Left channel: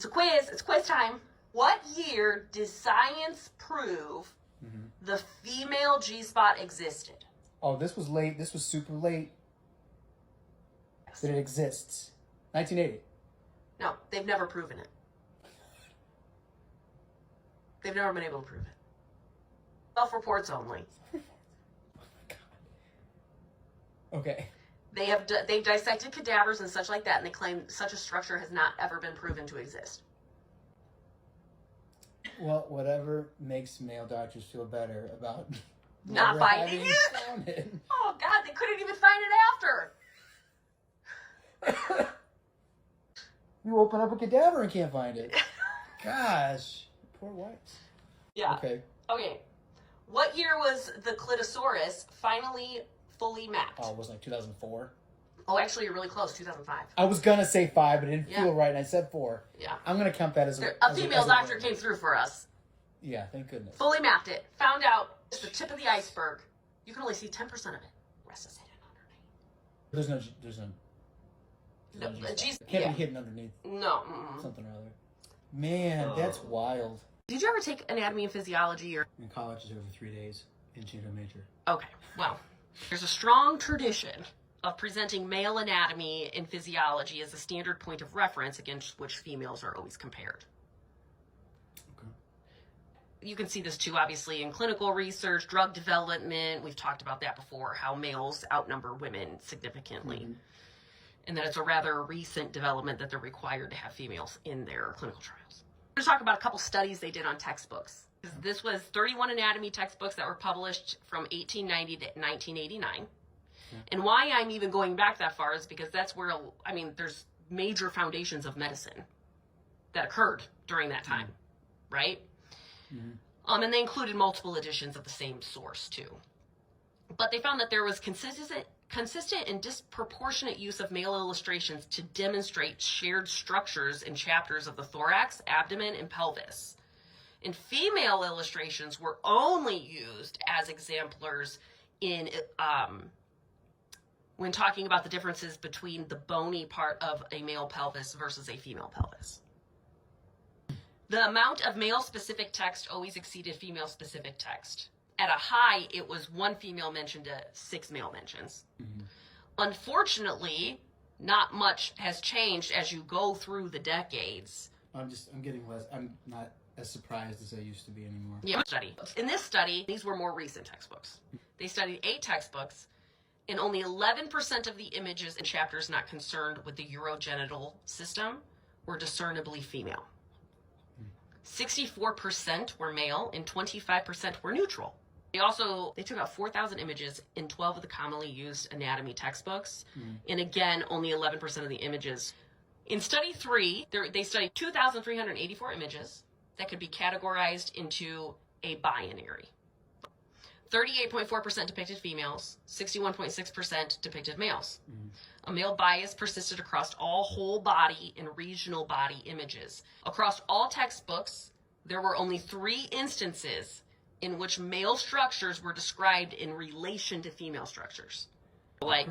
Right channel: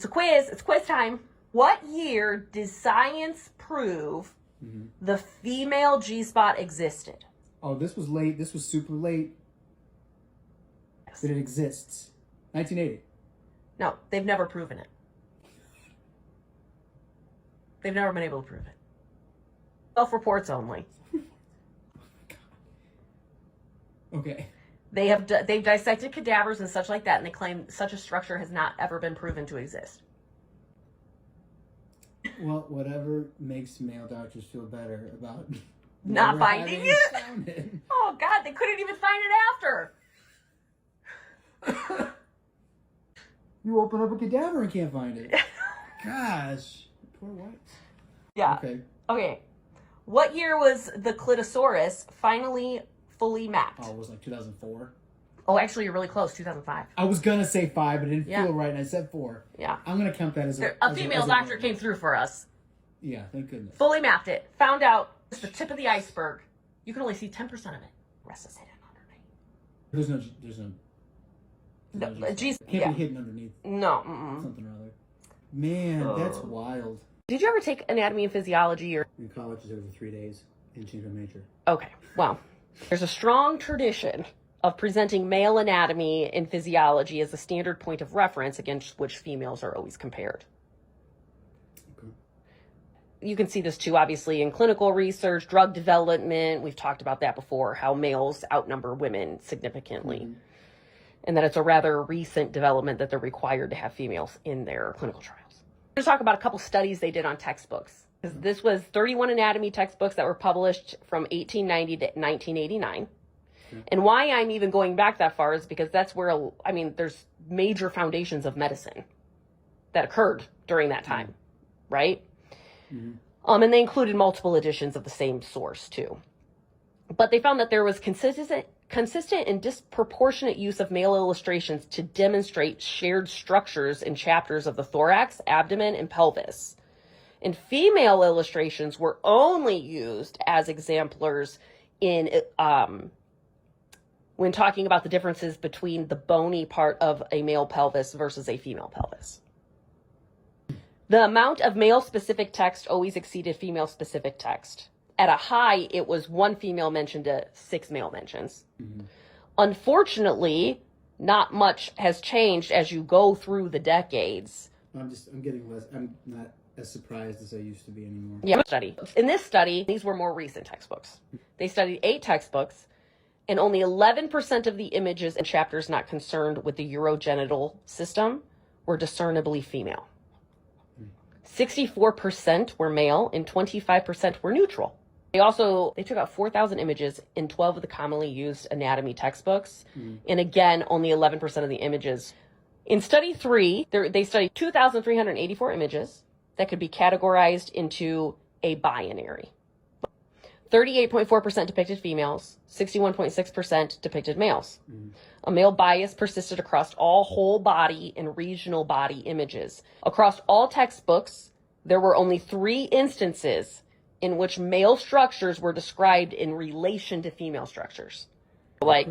It's a quiz. It's quiz time. What year did science prove the female G-spot existed? Oh, this was late. This was super late. Yes. That it exists. 1980. No, they've never proven it. They've never been able to prove it. Self-reports only. Oh my God. Okay. They've dissected cadavers and such like that, and they claim such a structure has not ever been proven to exist. Well, whatever makes male doctors feel better about Not never finding having it. found it. Oh God, they couldn't even find it after. You open up a cadaver and can't find it. Gosh, poor whites. Yeah. Okay. What year was the Clitosaurus finally fully mapped? Oh, it was like 2004. Oh, actually, you're really close. 2005. I was gonna say 5, but it didn't Yeah. feel right, and I said 4. Yeah. I'm gonna count that as A female doctor win. came through for us. Yeah, thank goodness. Fully mapped it. Found out it's the tip of the iceberg. You can only see 10% of it. The rest is hidden underneath. There's no G- can't yeah. be hidden underneath No. something or other. Man, that's wild. Did you ever take anatomy and physiology or? In college, I took it for 3 days and changed my major. Okay. Well, there's a strong tradition of presenting male anatomy and physiology as a standard point of reference against which females are always compared. Okay. You can see this too, obviously, in clinical research, drug development. We've talked about that before, how males outnumber women significantly. And that it's a rather recent development that they're required to have females in their clinical trials. I'm going to talk about a couple studies they did on textbooks. This was 31 anatomy textbooks that were published from 1890 to 1989. And why I'm even going back that far is because that's where, I mean, there's major foundations of medicine that occurred during that time, right? And they included multiple editions of the same source too. But they found that there was consistent and disproportionate use of male illustrations to demonstrate shared structures in chapters of the thorax, abdomen, and pelvis. And female illustrations were only used as exemplars in when talking about the differences between the bony part of a male pelvis versus a female pelvis. The amount of male-specific text always exceeded female-specific text. At a high, it was 1 female mention to 6 male mentions. Unfortunately, not much has changed as you go through the decades. I'm getting less. I'm not as surprised as I used to be anymore. Yeah. In this study, these were more recent textbooks. They studied 8 textbooks, and only 11% of the images in chapters not concerned with the urogenital system were discernibly female. 64% were male and 25% were neutral. They took out 4,000 images in 12 of the commonly used anatomy textbooks. And again, only 11% of the images. In study 3, they studied 2,384 images that could be categorized into a binary. 38.4% depicted females, 61.6% depicted males. A male bias persisted across all whole body and regional body images. Across all textbooks, there were only 3 instances in which male structures were described in relation to female structures. Like,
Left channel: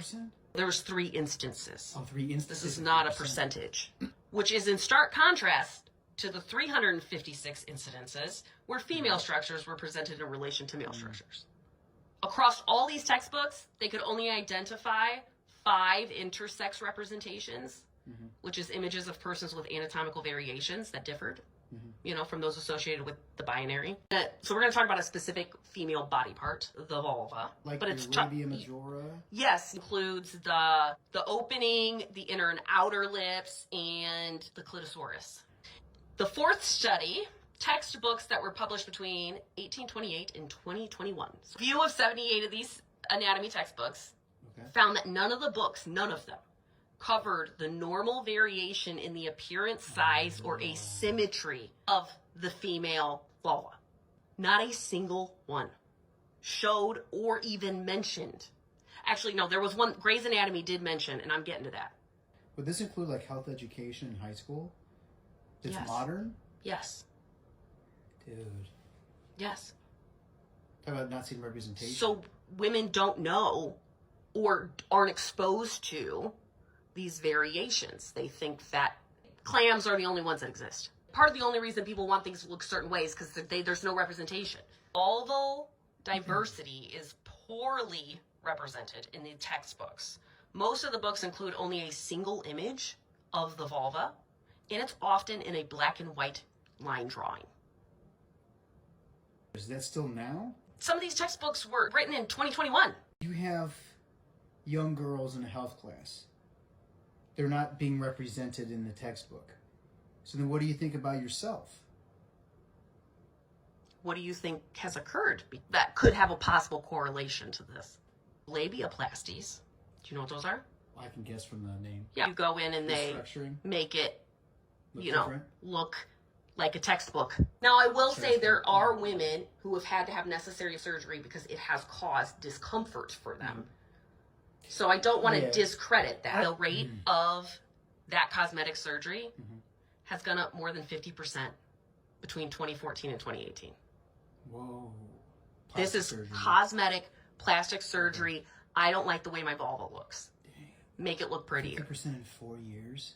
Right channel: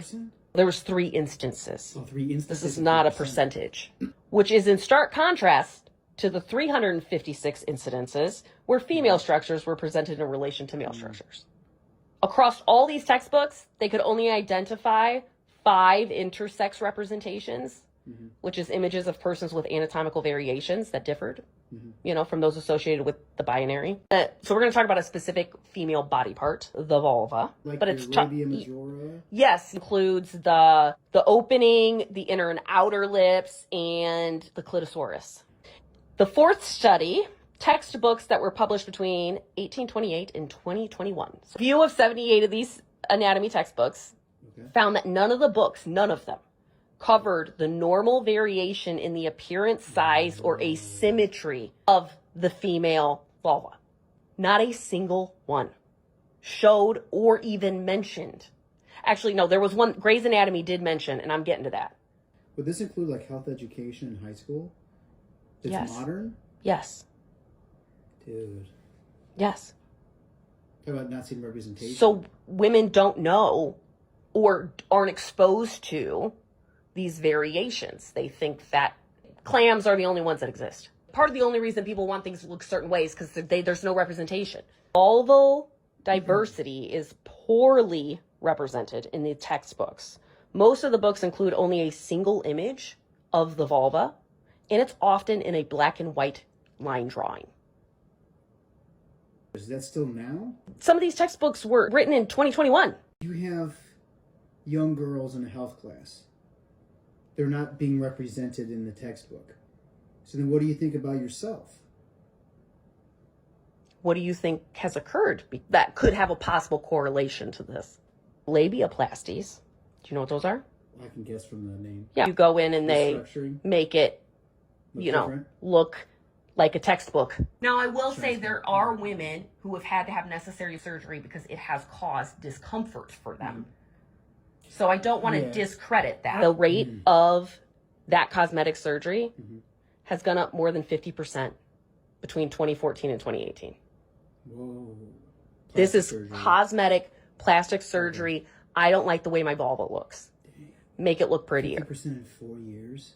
there was 3 instances. Oh, 3 instances. This is not a percentage, which is in stark contrast to the 356 incidences where female structures were presented in relation to male structures. Across all these textbooks, they could only identify 5 intersex representations, which is images of persons with anatomical variations that differed, from those associated with the binary. So we're going to talk about a specific female body part, the vulva. Like but your it's labia majora? Yes, includes the opening, the inner and outer lips, and the clitosaurus. The 4th study, textbooks that were published between 1828 and 2021. So a few of 78 of these anatomy textbooks found that none of them, covered the normal variation in the appearance, size, or asymmetry of the female vulva. Not a single one showed or even mentioned. Actually, no, there was one Grey's Anatomy did mention, and I'm getting to that. Would this include like health education in high school? It's modern? Yes. Dude. Yes. Talk about not seeing representation. So women don't know or aren't exposed to these variations. They think that Clams are the only ones that exist. Part of the only reason people want things to look certain ways because there's no representation. Vulval diversity is poorly represented in the textbooks. Most of the books include only a single image of the vulva, and it's often in a black and white line drawing. Is that still now? Some of these textbooks were written in 2021. You have young girls in a health class. They're not being represented in the textbook. So then what do you think about yourself? What do you think has occurred that could have a possible correlation to this? Labiaplasties. Do you know what those are? I can guess from the name. Yeah. You go in and they make it, look like a textbook. Now, I will say there are women who have had to have necessary surgery because it has caused discomfort for them. So I don't want to discredit that. The rate of that cosmetic surgery has gone up more than 50% between 2014 and 2018. Whoa. This is cosmetic plastic surgery. I don't like the way my vulva looks. Dang. Make it look prettier. 50% in 4 years?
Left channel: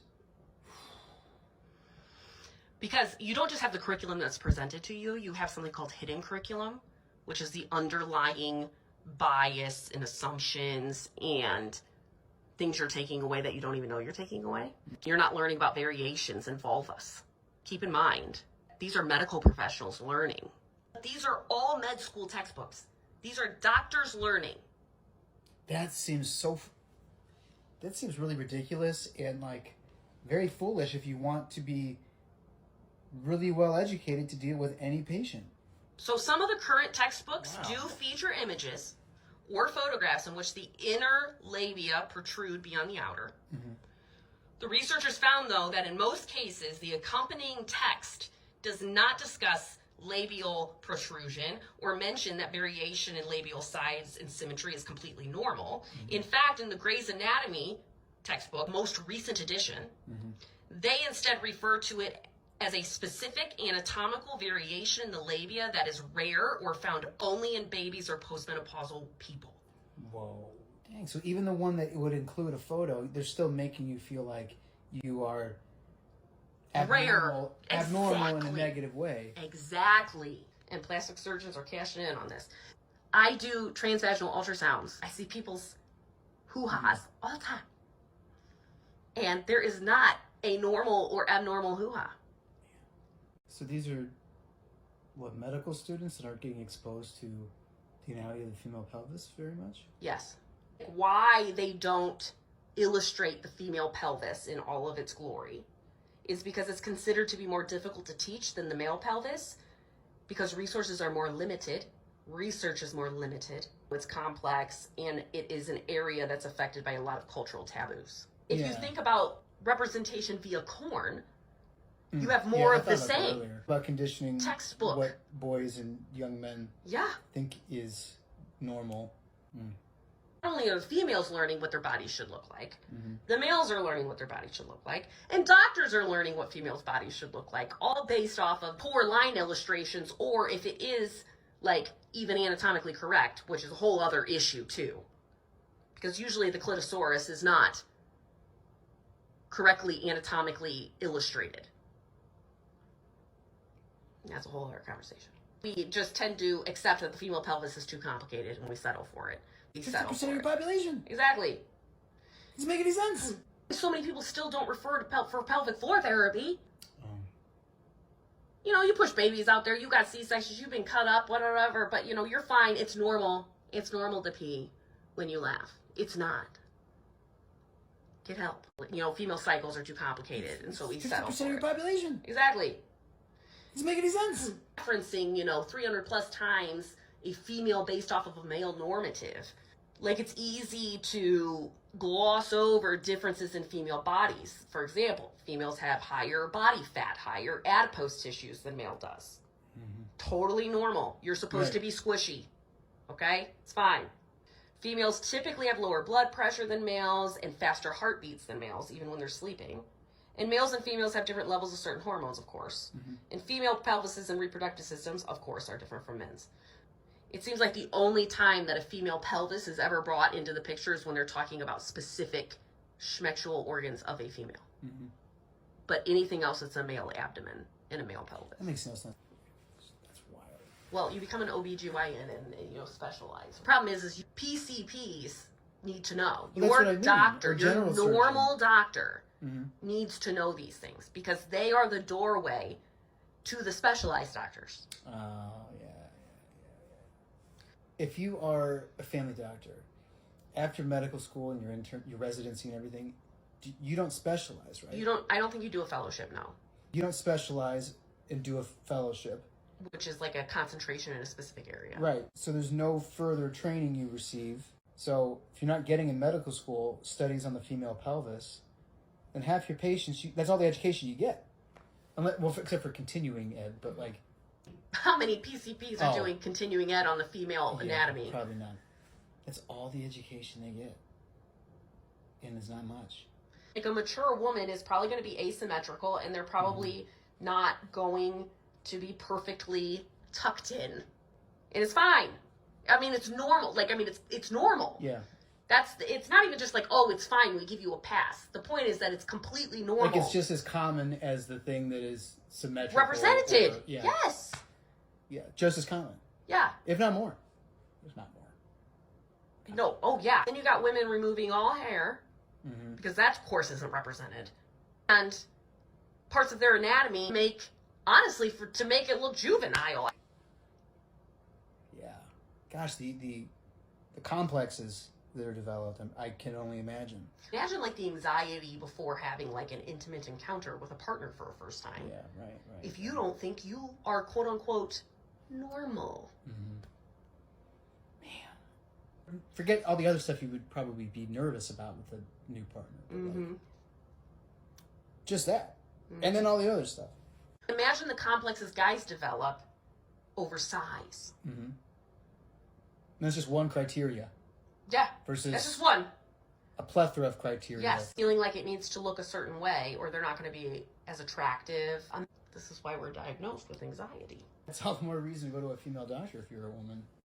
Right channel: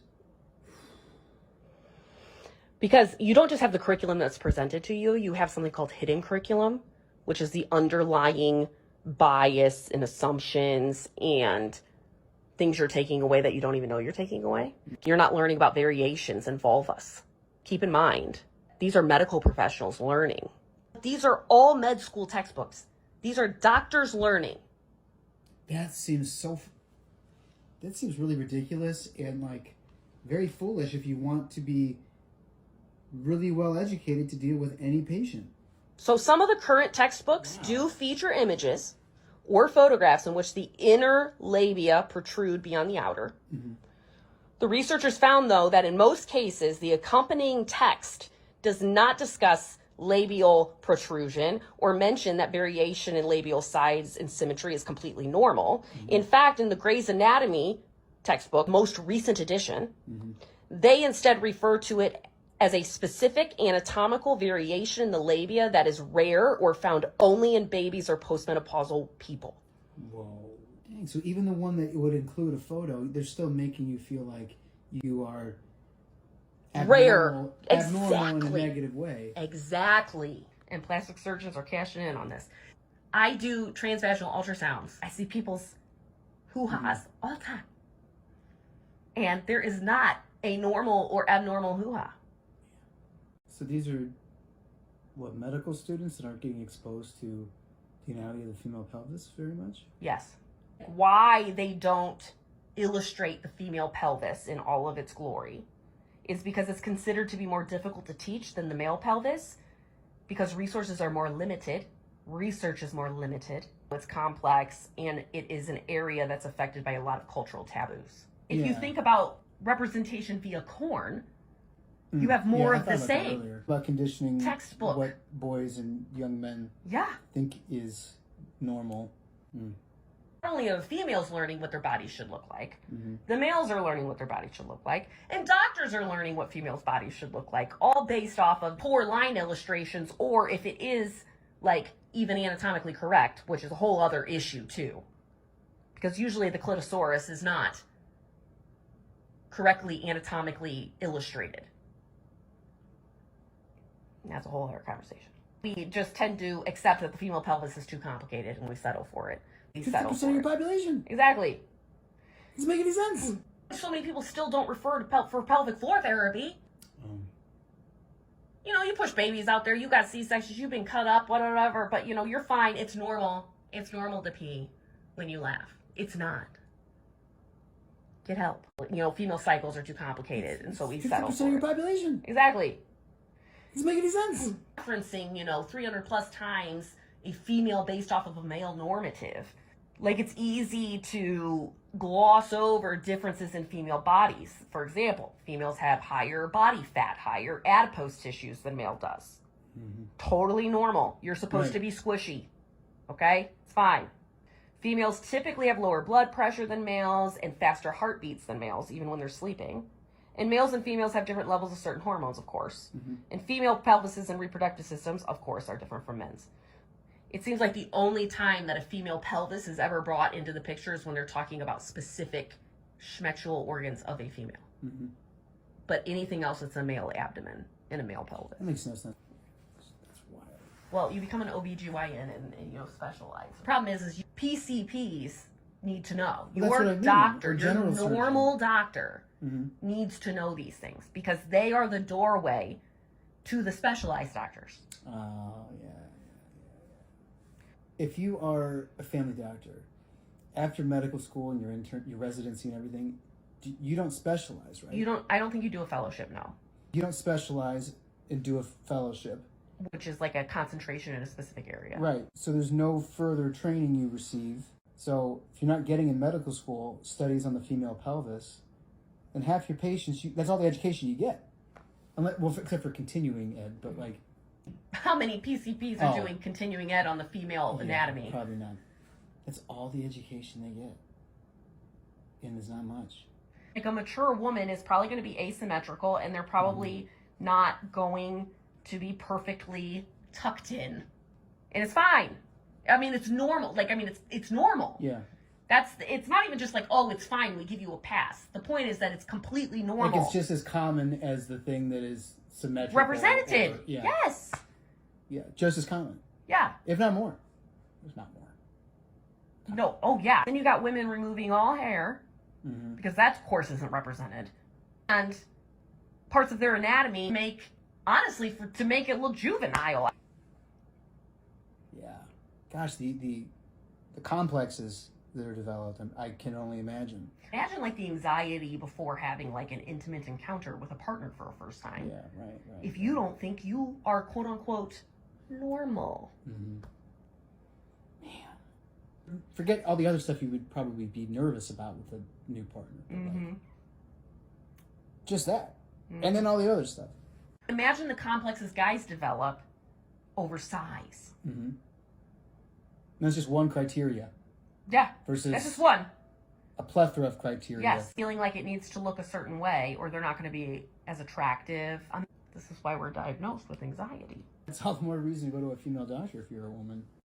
Because you don't just have the curriculum that's presented to you. You have something called hidden curriculum, which is the underlying bias and assumptions and things you're taking away that you don't even know you're taking away. You're not learning about variations in vulvas. Keep in mind, these are medical professionals learning. These are all med school textbooks. These are doctors learning. That seems really ridiculous and like very foolish if you want to be really well educated to deal with any patient. So some of the current textbooks do feature images or photographs in which the inner labia protrude beyond the outer. The researchers found, though, that in most cases, the accompanying text does not discuss labial protrusion or mention that variation in labial size and symmetry is completely normal. In fact, in the Gray's Anatomy textbook, most recent edition, they instead refer to it as a specific anatomical variation in the labia that is rare or found only in babies or postmenopausal people. Whoa. Dang, so even the one that would include a photo, they're still making you feel like you are abnormal in a negative way. Exactly. And plastic surgeons are cashing in on this. I do transvaginal ultrasounds. I see people's hoo-has all the time. And there is not a normal or abnormal hoo-ha. So these are, medical students that aren't getting exposed to the anatomy of the female pelvis very much? Yes. Why they don't illustrate the female pelvis in all of its glory is because it's considered to be more difficult to teach than the male pelvis because resources are more limited, research is more limited, it's complex, and it is an area that's affected by a lot of cultural taboos. If you think about representation via corn, you have more of the same. About conditioning textbook. What boys and young men think is normal. Not only are the females learning what their bodies should look like, the males are learning what their bodies should look like, and doctors are learning what females' bodies should look like, all based off of poor line illustrations, or if it is like even anatomically correct, which is a whole other issue too. Because usually the clitosaurus is not correctly anatomically illustrated. That's a whole other conversation. We just tend to accept that the female pelvis is too complicated and we settle for it. 50% of your population. Exactly. Doesn't make any sense. So many people still don't refer to for pelvic floor therapy. You push babies out there, you got C-sections, you've been cut up, whatever, but you're fine. It's normal. It's normal to pee when you laugh. It's not. Get help. Female cycles are too complicated, and so we settle for 50% of your population. Exactly. Doesn't make any sense. Referencing, 300 plus times a female based off of a male normative. Like, it's easy to gloss over differences in female bodies. For example, females have higher body fat, higher adipose tissues than male does. Totally normal. You're supposed to be squishy. Okay? It's fine. Females typically have lower blood pressure than males and faster heartbeats than males, even when they're sleeping. And males and females have different levels of certain hormones, of course. And female pelvises and reproductive systems, of course, are different from men's. It seems like the only time that a female pelvis is ever brought into the picture is when they're talking about specific schmectual organs of a female. but anything else, it's a male abdomen and a male pelvis. That makes no sense. That's wild. Well, you become an OBGYN and specialize. The problem is PCPs need to know. Well, Your that's what I mean. doctor, Or your general normal surgeon. doctor needs to know these things because they are the doorway to the specialized doctors. Oh, yeah. If you are a family doctor, after medical school and your residency and everything, you don't specialize, right? I don't think you do a fellowship, no. You don't specialize and do a fellowship. Which is like a concentration in a specific area. Right. So there's no further training you receive. So if you're not getting in medical school studies on the female pelvis, then half your patients, that's all the education you get. Well, except for continuing ed, but like... How many PCPs are doing continuing ed on the female anatomy? Probably none. That's all the education they get. And it's not much. Like a mature woman is probably going to be asymmetrical and they're probably not going to be perfectly tucked in. And it's fine. I mean, it's normal. It's normal. Yeah. It's not even just like, oh, it's fine, we give you a pass. The point is that it's completely normal. Like it's just as common as the thing that is symmetrical. Represented. Yes. Yeah, just as common. Yeah. If not more. If not more. No, oh yeah. Then you got women removing all hair, because that, of course, isn't represented. And parts of their anatomy to make it look juvenile. Yeah. Gosh, the complexes that are developed, I can only imagine. Imagine like the anxiety before having like an intimate encounter with a partner for a first time. Yeah, right. If you don't think you are quote unquote normal. Man. Forget all the other stuff you would probably be nervous about with a new partner. But just that. And then all the other stuff. Imagine the complexes guys develop over size. And that's just one criteria. Yeah. Versus that's just one. A plethora of criteria. Yes. Feeling like it needs to look a certain way or they're not going to be as attractive. This is why we're diagnosed with anxiety. That's all the more reason to go to a female doctor if you're a woman.